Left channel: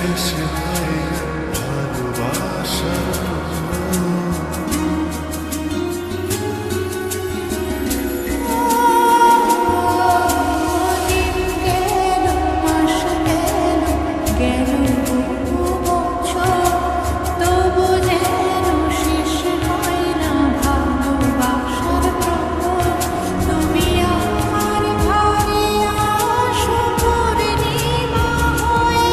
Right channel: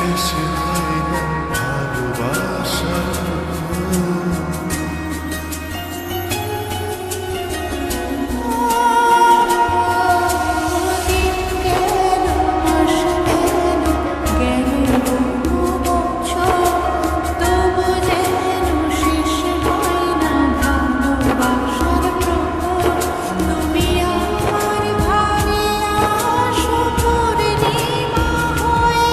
শেষ হয় না ভালোবাসার দিন গেল, মাস গেল, গেল বহু বছর, তবু যেন শেষ হয় না ভালোবাসার প্রহর। তুমি আমার ঘরে আসো পূর্ণিমা হয়ে,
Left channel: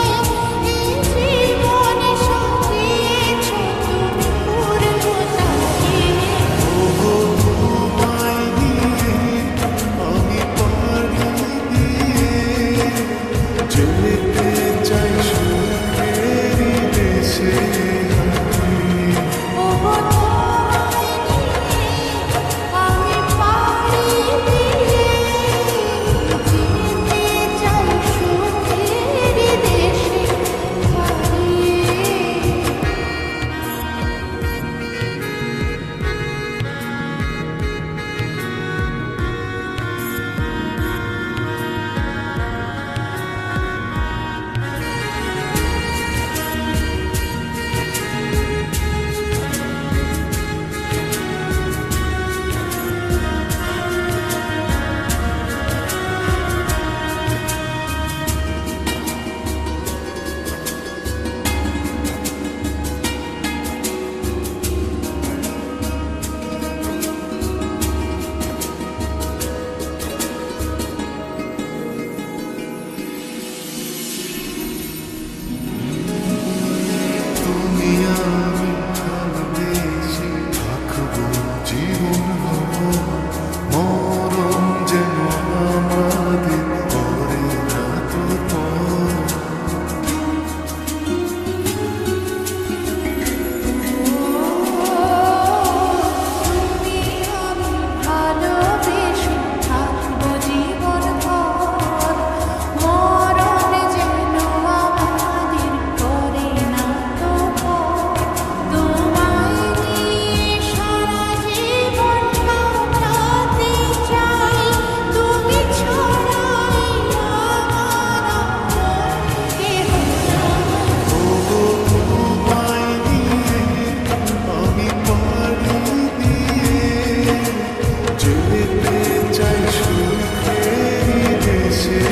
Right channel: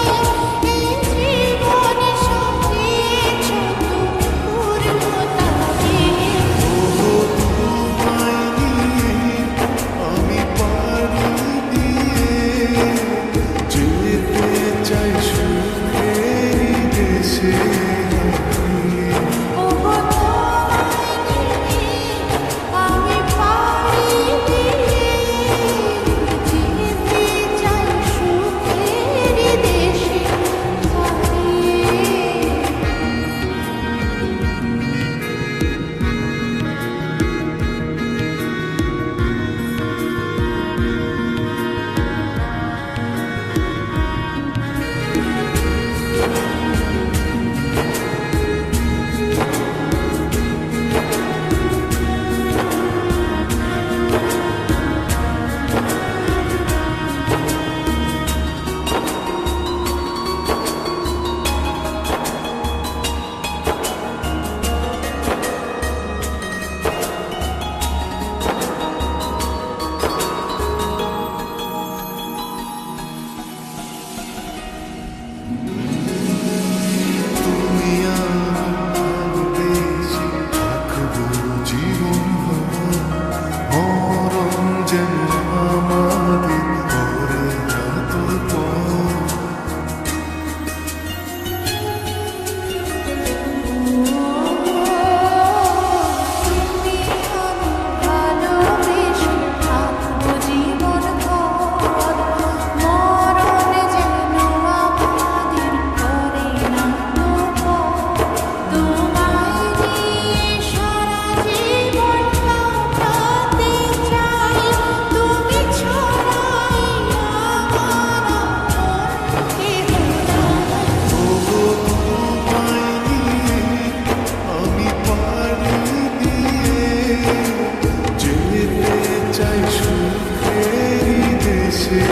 এই জীবন সাজিয়েছ তুমি পূর্ণতা দিয়ে। ওগো তোমায় নিয়ে আমি পাড়ি দিয়ে যেতে চাই সুখেরই দেশে হারিয়ে। ওগো তোমায় নিয়ে আমি পাড়ি দিয়ে যেতে চাই সুখের দেশে হারিয়ে। তুমি আমি ভালোবেসে থাকবো জীবন ভর, মরণ যেন আমাদের করে না তো পর। তুমি আমি ভালোবেসে থাকবো জীবন ভর, মরণ যেন আমাদের করে না তো পর। তোমায় নিয়ে সারা জীবন কাটাতে চাই, তুমি ছড়াই আমার আপন কেহ নাই। ওগো তোমায় নিয়ে আমি পাড়ি দিয়ে যেতে চাই সুখেরই দেশে